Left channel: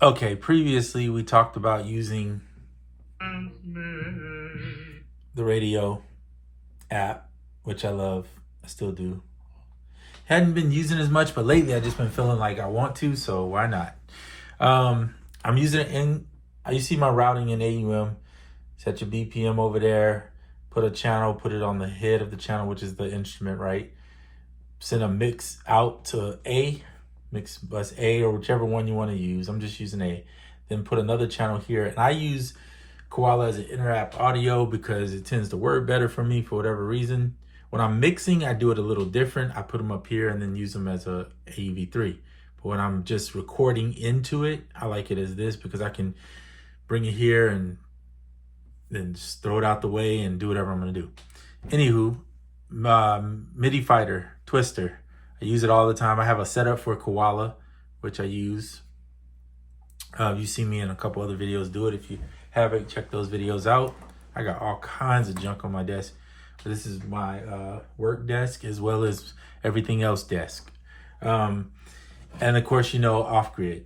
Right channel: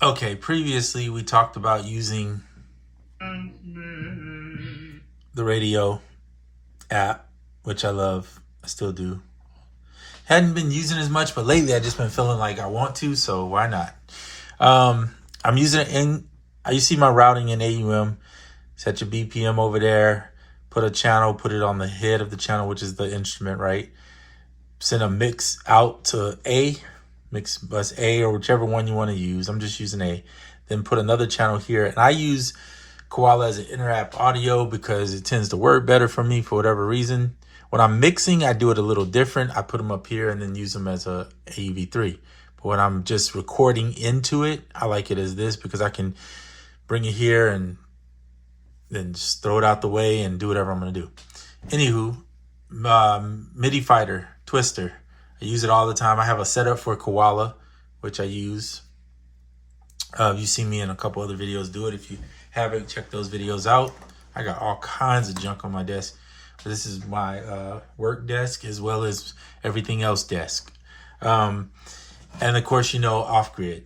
Okay, previously we talked about using the radio app, which I love. I still do. Hadn't been using as much, but lately I just been feeling like I want to, so why not? I'm using it in, you see my routing in AUM. Set your BPM over there, put a channel, put it on the head of the channel, which is the instrument, right? Send a mix out to A, mix bus A, or whichever one you want to use. I'm just using A. Then put another channel here. And I use Koala as an inter-app audio because it tends to work better for me for whatever reason. When I'm mixing, I do it a little different. I put them up here and then use them as a AUV3. But when I'm just recording into it, I like it as this because I can bring it here and then just throw it out the way and do whatever I'm going to do. Anywho, Midi Fighter, Twister. I use it all the time. I have a setup for Koala, which I use. You've seen me in a couple other videos do it. If you haven't, check those videos out. I got all kinds of junk on my desk. But this is my work desk as well as everything else desk. And of course, you know, off-grid.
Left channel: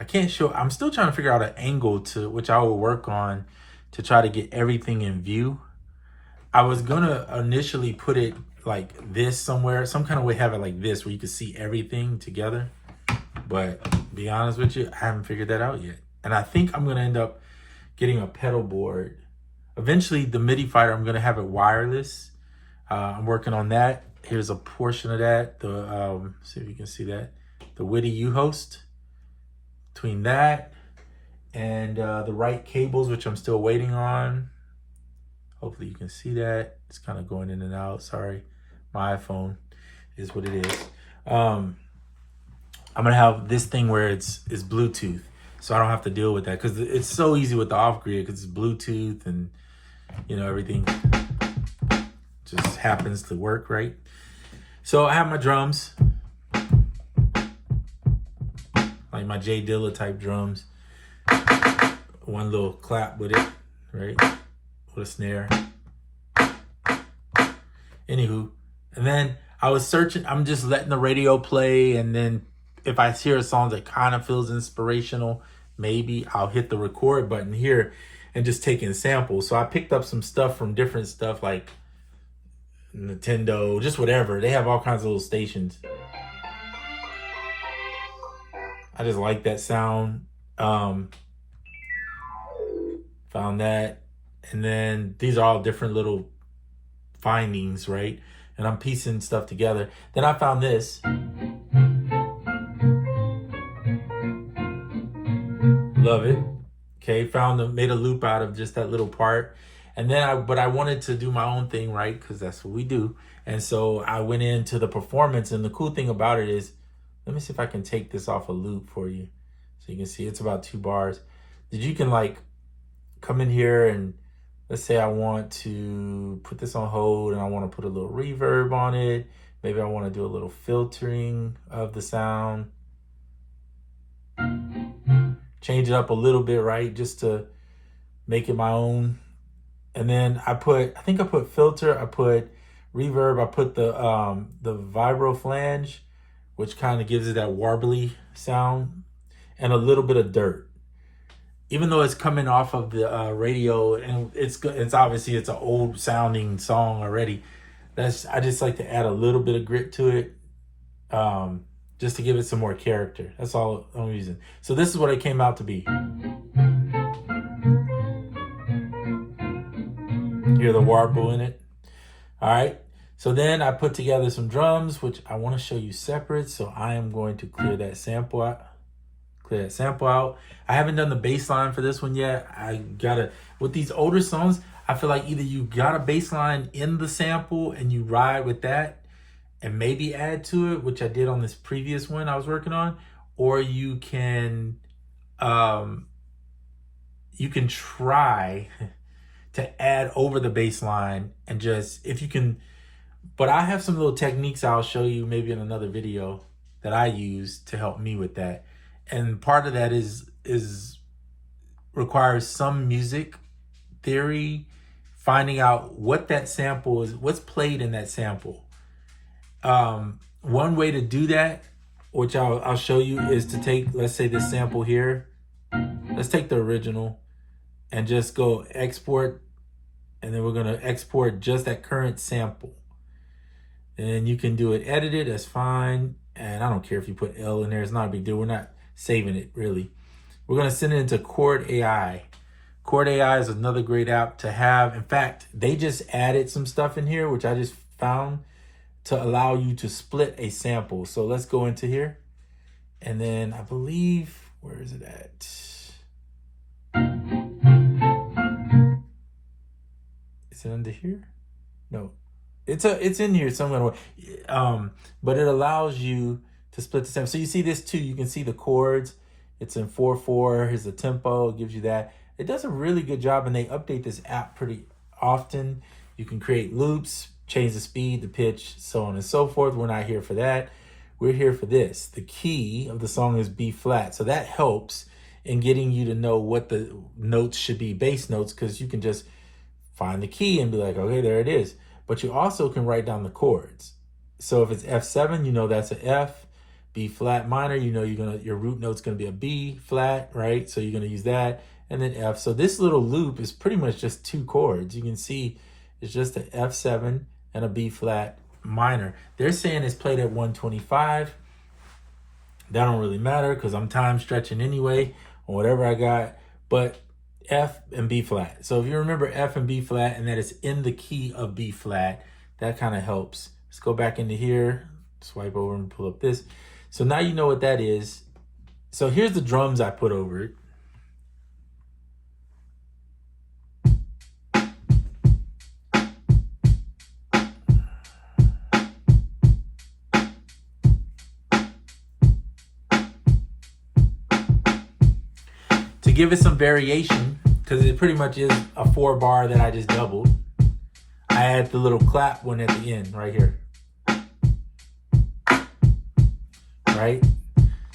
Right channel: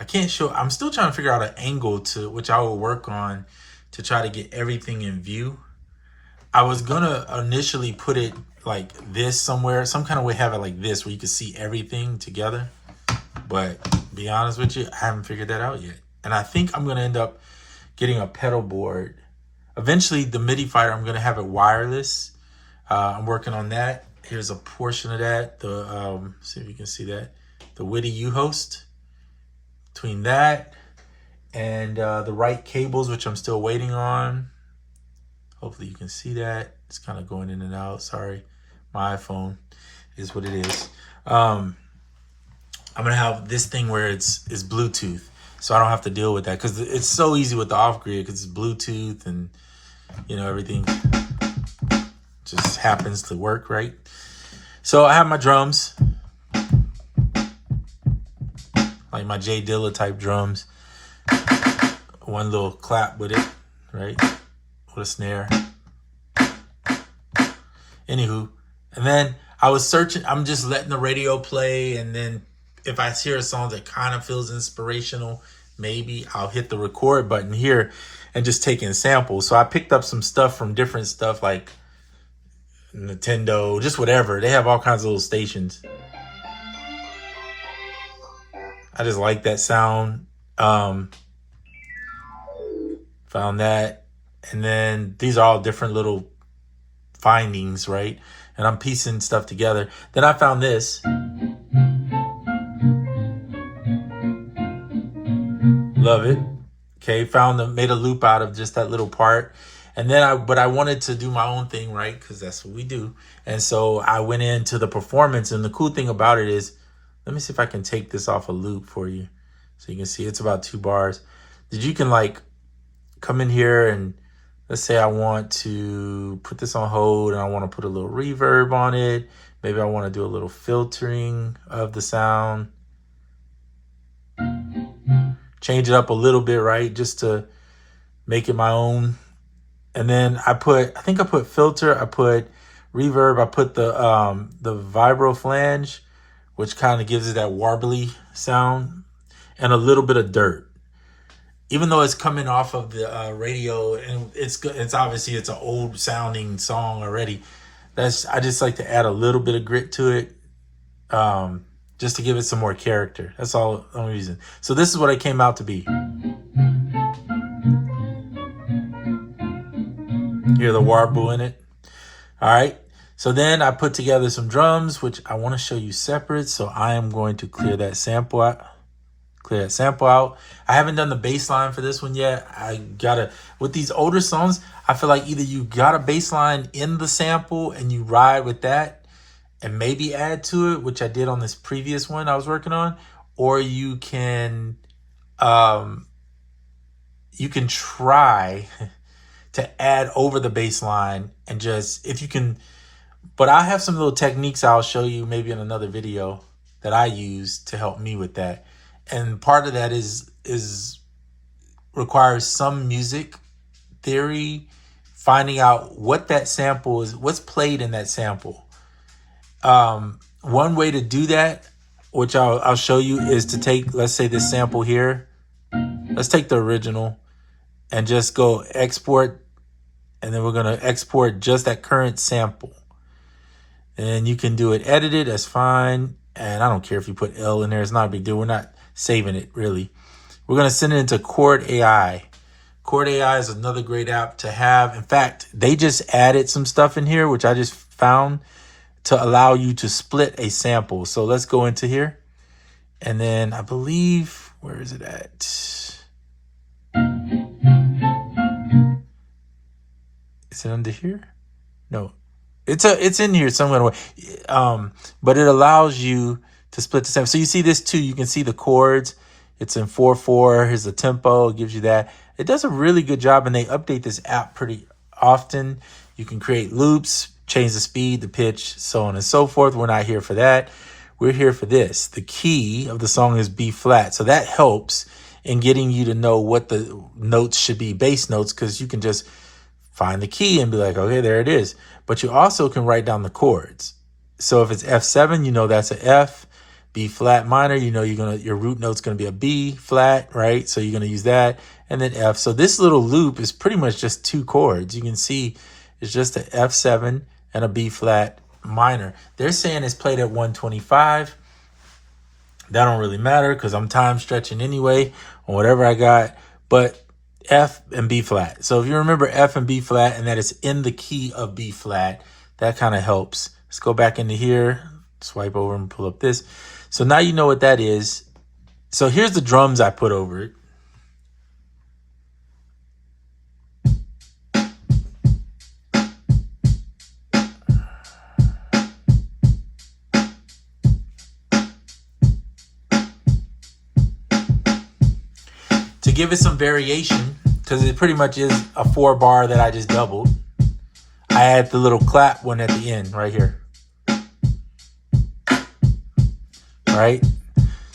I can't show, I'm still trying to figure out an angle to which I will work on to try to get everything in view. I was gonna initially put it like this somewhere, some kind of way, have it like this where you can see everything together. But be honest with you, I haven't figured that out yet. And I think I'm gonna end up getting a pedal board. Eventually the Midi Fighter, I'm gonna have it wireless. I'm working on that. Here's a portion of that. The see if you can see that. The Witty U-host. Between that and the right cables, which I'm still waiting on. Hopefully you can see that. It's kind of going in and out. Sorry, my iPhone is what it is. I'm gonna have this thing where it's Bluetooth, so I don't have to deal with that because it's so easy with the off-grid because it's Bluetooth and you know everything just happens to work right. So I have my drums, like my J Dilla type drums. One little clap with it, right? With a snare. Anywho, and then I was searching, I'm just letting the radio play, and then if I hear a song that kind of feels inspirational, maybe I'll hit the record button here and just take in samples. So I picked up some stuff from different stuff like Nintendo, just whatever. They have all kinds of little stations. I just like that sound. Found that. And then these are all different little findings, right? And I'm piecing stuff together. Then I found this. Love it. Okay, made a loop out of just that little part. And then I wanted to do my own thing, right? Because that's what we do. And so I went into the performance. And the cool thing about it is, let me see if I can take this off a loop for you. So you can see it's about 2 bars. That you can like come in here and let's say I want to put this on hold and I want to put a little reverb on it. Maybe I want to do a little filtering of the sound. Change it up a little bit, right? Just to make it my own. And then I think I put filter, I put reverb, I put the vibro flange, which kind of gives it that warbly sound, and a little bit of dirt. Even though it's coming off of the radio and it's obviously it's an old sounding song already. I just like to add a little bit of grit to it, just to give it some more character. That's all the only reason. So this is what it came out to be. Hear the warble in it. All right. So then I put together some drums, which I want to show you separate. So I am going to clear that sample out. I haven't done the bass line for this one yet. With these older songs, I feel like either you got a bass line in the sample and you ride with that and maybe add to it, which I did on this previous one I was working on, or you can try to add over the bass line and just, if you can, but I have some little techniques I'll show you maybe in another video that I use to help me with that. And part of that requires some music theory, finding out what that sample is, what's played in that sample. One way to do that, which I'll show you, is to take, let's say this sample here, Let's take the original and just go export. And then we're going to export just that current sample. And you can do it edited, that's fine. And I don't care if you put L in there, it's not a big deal. We're not saving it really. We're going to send it into Chord AI. Chord AI is another great app to have. In fact, they just added some stuff in here, which I just found to allow you to split a sample. So let's go into here. And then I believe, where is it at? Is it under here? No, it's in here somewhere. But it allows you to split the sample. So you see this too. You can see the chords. It's in 4/4. Here's the tempo. It gives you that. It does a really good job, and they update this app pretty often. You can create loops, change the speed, the pitch, so on and so forth. We're not here for that. We're here for this. The key of the song is B flat. So that helps in getting you to know what the notes should be, bass notes, because you can just find the key and be like, okay, there it is. But you also can write down the chords. So if it's F7, you know that's an F. B flat minor, you know your root note's gonna be a B flat, right? So you're gonna use that, and then F. So this little loop is pretty much just two chords. You can see it's just an F7 and a B flat minor. They're saying it's played at 125. That don't really matter because I'm time stretching anyway on whatever I got, but F and B flat. So if you remember F and B flat and that it's in the key of B flat, that kind of helps. Let's go back into here, swipe over and pull up this. So now you know what that is. So here's the drums I put over it. To give it some variation, because it pretty much is a 4-bar that I just doubled, I add the little clap one at the end right here. Right?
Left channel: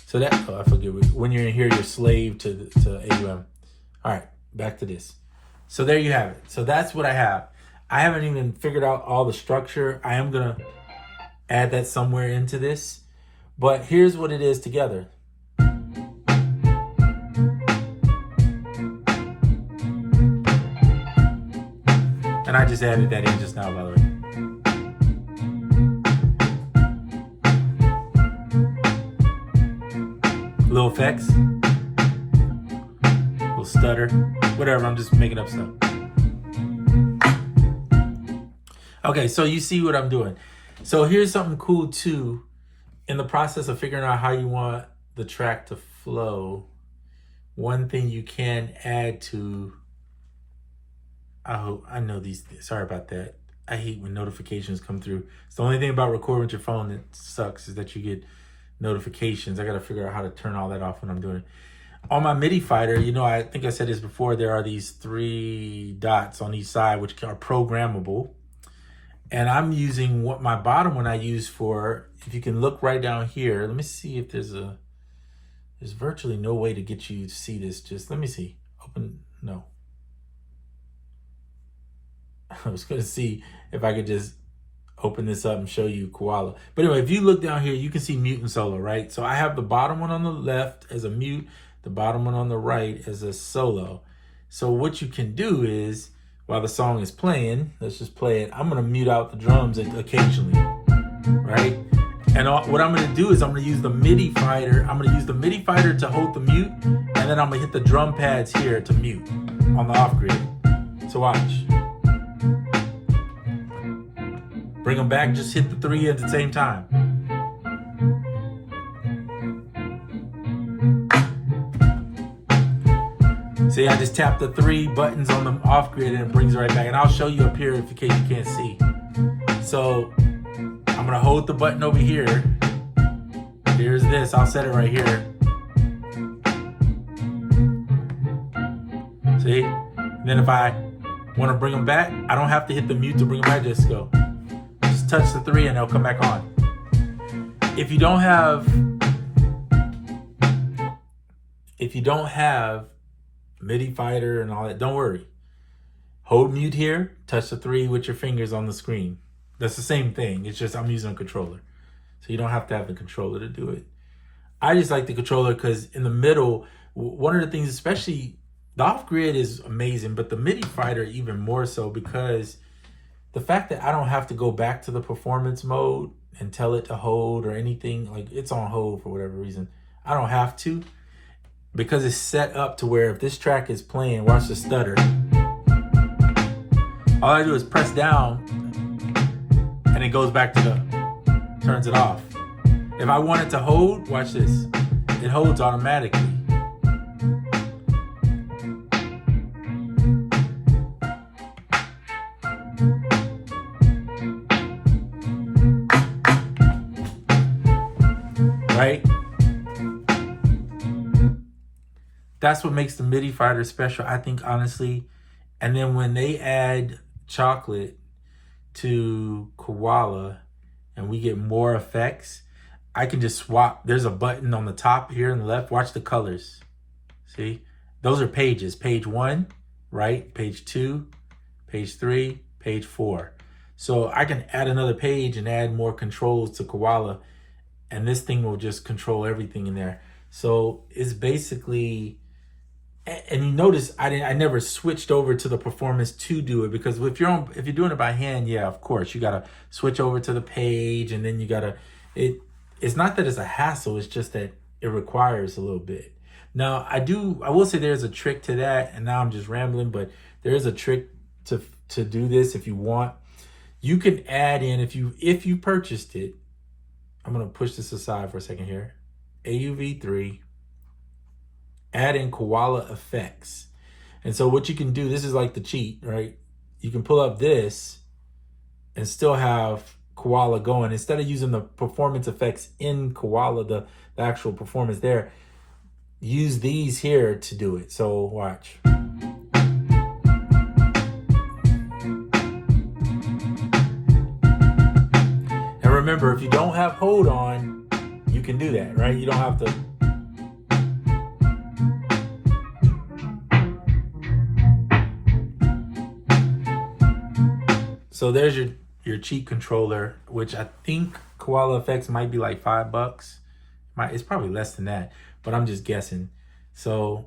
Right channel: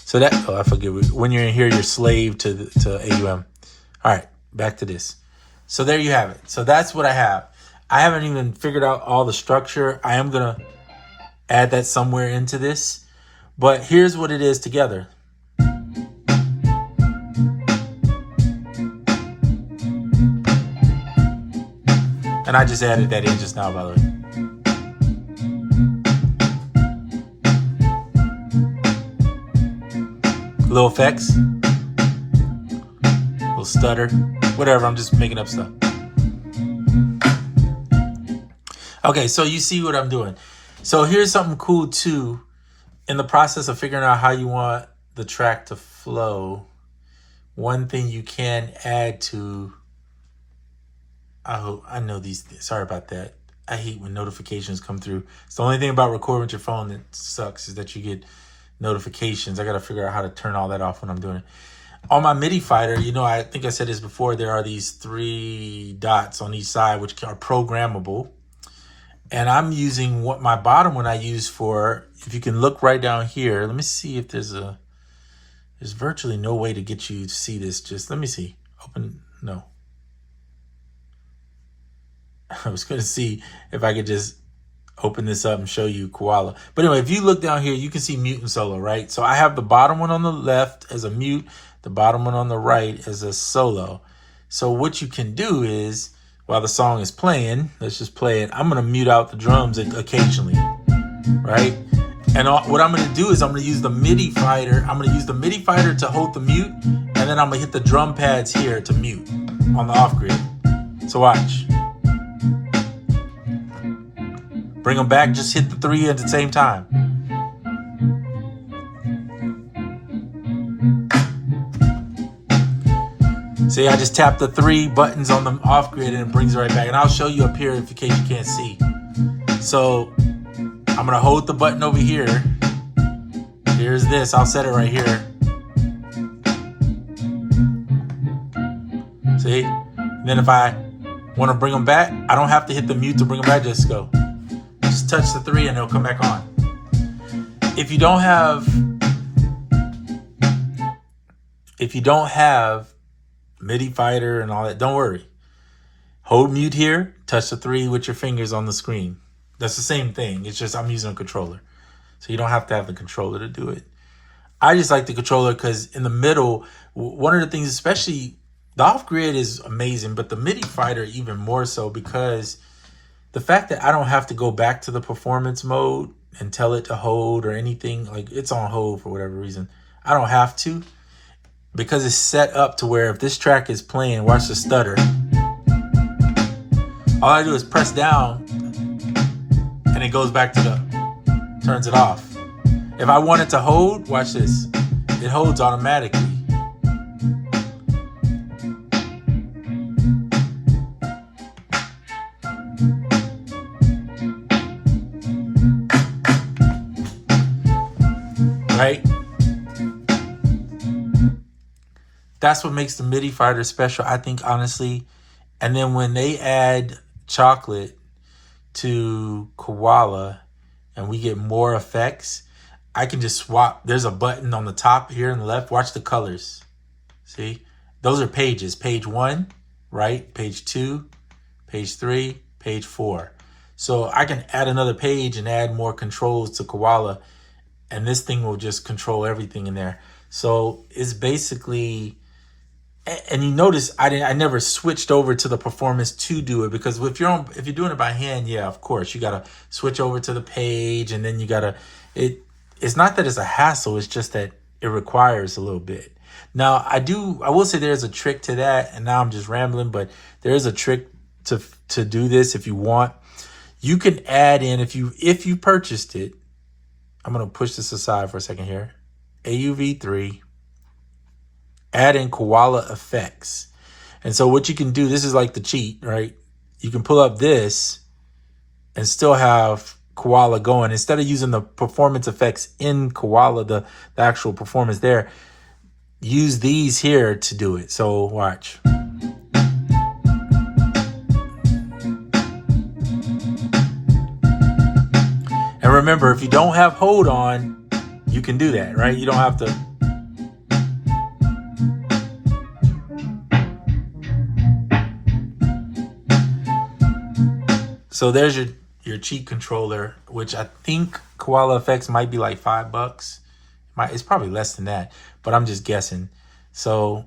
So that, oh, I forget, when you're in here, you're slave to AUM. All right, back to this. So there you have it. So that's what I have. I haven't even figured out all the structure. I am going to add that somewhere into this. But here's what it is together. And I just added that in just now, by the way. Little effects, little stutter, whatever. I'm just making up stuff. Okay, so you see what I'm doing. So here's something cool too. In the process of figuring out how you want the track to flow, one thing you can add to, I know these, sorry about that. I hate when notifications come through. It's the only thing about recording with your phone that sucks is that you get notifications. I got to figure out how to turn all that off when I'm doing it. On my MIDI fighter, you know, I think I said this before, there are these 3 dots on each side which are programmable. And I'm using what my bottom one I use for, if you can look right down here, let me see if there's virtually no way to get you to see this. Just let me see. Open, no. I was going to see if I could just open this up and show you Koala. But anyway, if you look down here, you can see mute and solo, right? So I have the bottom one on the left as a mute, the bottom one on the right as a solo. So what you can do is, while the song is playing, let's just play it. I'm going to mute out the drums occasionally, right? And what I'm going to do is I'm going to use the MIDI fighter. I'm going to use the MIDI fighter to hold the mute, and then I'm going to hit the drum pads here to mute on the off grid. So watch. Bring them back, just hit the 3 at the same time. See, I just tapped the 3 buttons on the off grid and it brings it right back. And I'll show you up here in case you can't see. So I'm gonna hold the button over here. Here's this, I'll set it right here. See? And then if I wanna bring them back, I don't have to hit the mute to bring them back, just go. Just touch the 3 and they'll come back on. If you don't have MIDI fighter and all that, don't worry. Hold mute here, touch the 3 with your fingers on the screen. That's the same thing. It's just I'm using a controller. So you don't have to have the controller to do it. I just like the controller because in the middle, one of the things, especially the off grid is amazing, but the MIDI fighter even more so because the fact that I don't have to go back to the performance mode and tell it to hold or anything, like it's on hold for whatever reason. I don't have to because it's set up to where if this track is playing, watch the stutter. All I do is press down and it goes back to turns it off. If I want it to hold, watch this. It holds automatically. Right? That's what makes the MIDI fighter special, I think, honestly. And then when they add chocolate to Koala and we get more effects, I can just swap. There's a button on the top here on the left. Watch the colors. See? Those are pages. Page 1, right? Page 2, page 3, page 4. So I can add another page and add more controls to Koala, and this thing will just control everything in there. So it's basically, and you notice I never switched over to the performance to do it, because if you're doing it by hand, yeah, of course you gotta switch over to the page, and then you gotta it's not that it's a hassle, it's just that it requires a little bit. Now I will say there's a trick to that, and now I'm just rambling, but there's a trick to do this if you want. You can add in, if you purchased it, I'm gonna push this aside for a second here. AUV3, add in Koala effects. And so what you can do, this is like the cheat, right? You can pull up this and still have Koala going. Instead of using the performance effects in Koala, the actual performance there, use these here to do it. So watch. And remember, if you don't have hold on, you can do that, right? You don't have to. So there's your cheat controller, which I think Koala effects might be like $5. It's probably less than that, but I'm just guessing. So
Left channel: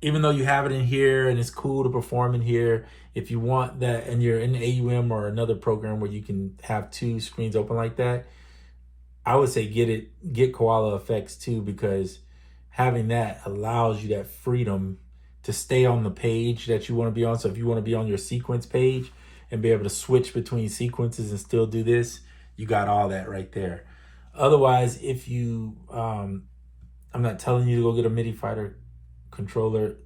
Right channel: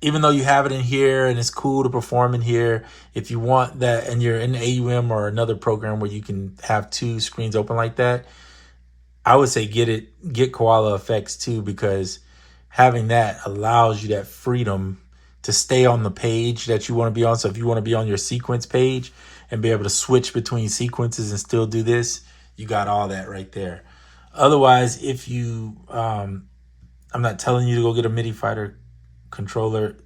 even though you have it in here and it's cool to perform in here, if you want that and you're in AUM or another program where you can have 2 screens open like that, I would say get Koala effects too, because having that allows you that freedom to stay on the page that you want to be on. So if you want to be on your sequence page and be able to switch between sequences and still do this, you got all that right there. Otherwise, if you, I'm not telling you to go get a MIDI fighter controller.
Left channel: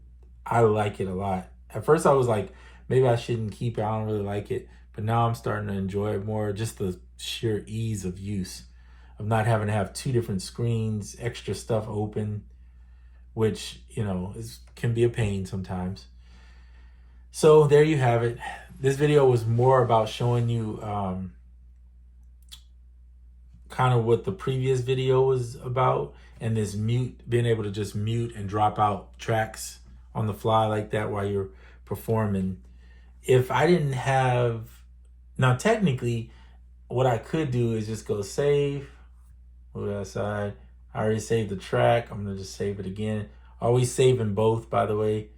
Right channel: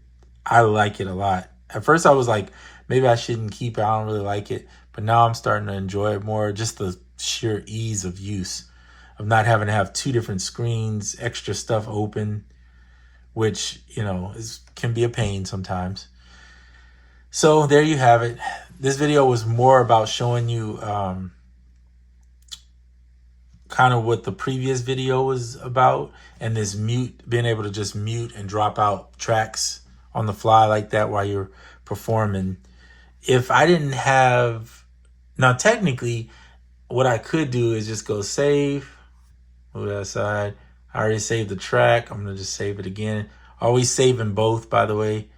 I like it a lot. At first I was like, maybe I shouldn't keep it. I don't really like it. But now I'm starting to enjoy it more. Just the sheer ease of use of not having to have 2 different screens, extra stuff open, which, can be a pain sometimes. So there you have it. This video was more about showing you kind of what the previous video was about, and this being able to just mute and drop out tracks on the fly like that while you're performing. If I didn't have, now technically what I could do is just go save, move that aside. I already saved the track. I'm gonna just save it again. Always saving both, by the way.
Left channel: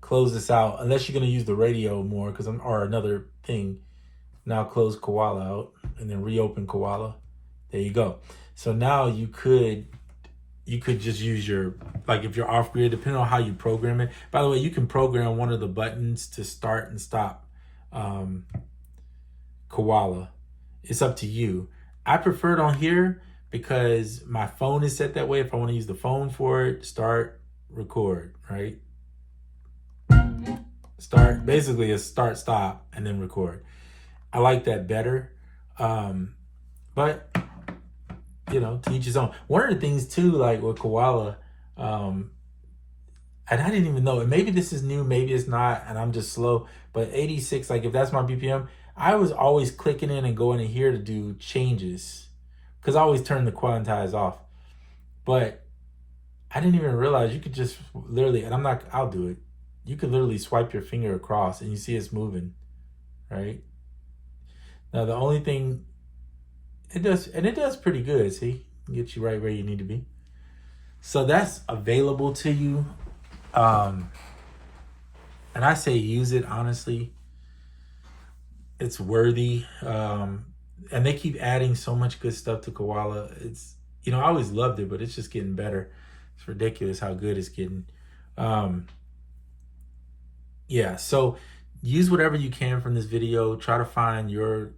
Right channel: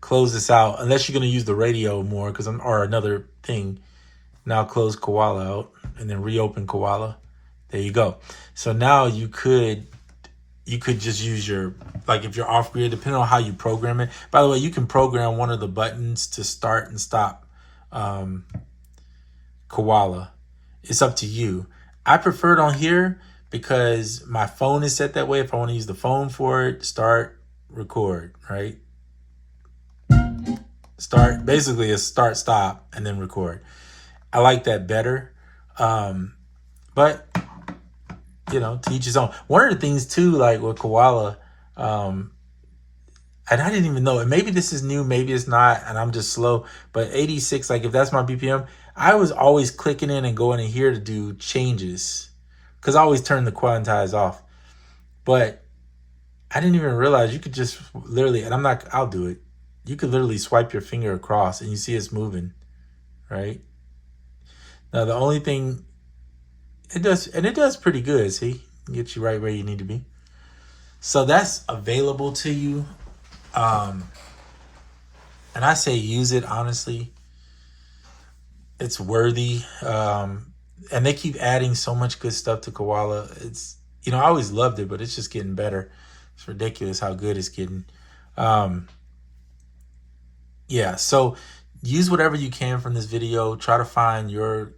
Close this out, unless you're gonna use the radio more, or another thing. Now close Koala out and then reopen Koala. There you go. So now you could just use your, like if you're off grid, depending on how you program it. By the way, you can program one of the buttons to start and stop Koala. It's up to you. I prefer it on here because my phone is set that way. If I want to use the phone for it, start, record, right? Start, basically a start, stop, and then record. I like that better. But to each his own. One of the things too, like with Koala, and I didn't even know, and maybe this is new, maybe it's not, and I'm just slow, but 86, like if that's my BPM, I was always clicking in and going in here to do changes, because I always turn the quantize off. But I didn't even realize you could just literally, and I'll do it. You could literally swipe your finger across and you see it's moving, right? Now the only thing, it does pretty good, see? Get you right where you need to be. So that's available to you. And I say use it, honestly. It's worthy. And they keep adding so much good stuff to Koala. It's, I always loved it, but it's just getting better. It's ridiculous how good it's getting. Yeah, so use whatever you can from this video. Try to find your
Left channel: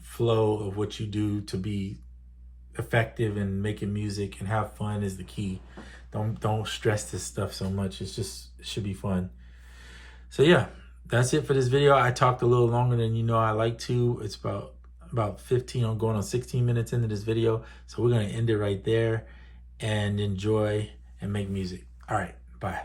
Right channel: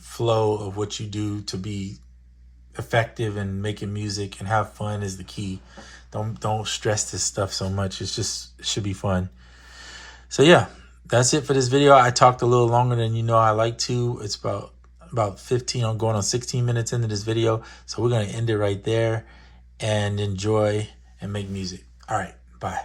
flow of what you do to be effective and making music, and have fun is the key. Don't stress this stuff so much. It should be fun. So yeah, that's it for this video. I talked a little longer than I like to. It's about 15, I'm going on 16 minutes into this video. So we're going to end it right there and enjoy and make music. All right, bye.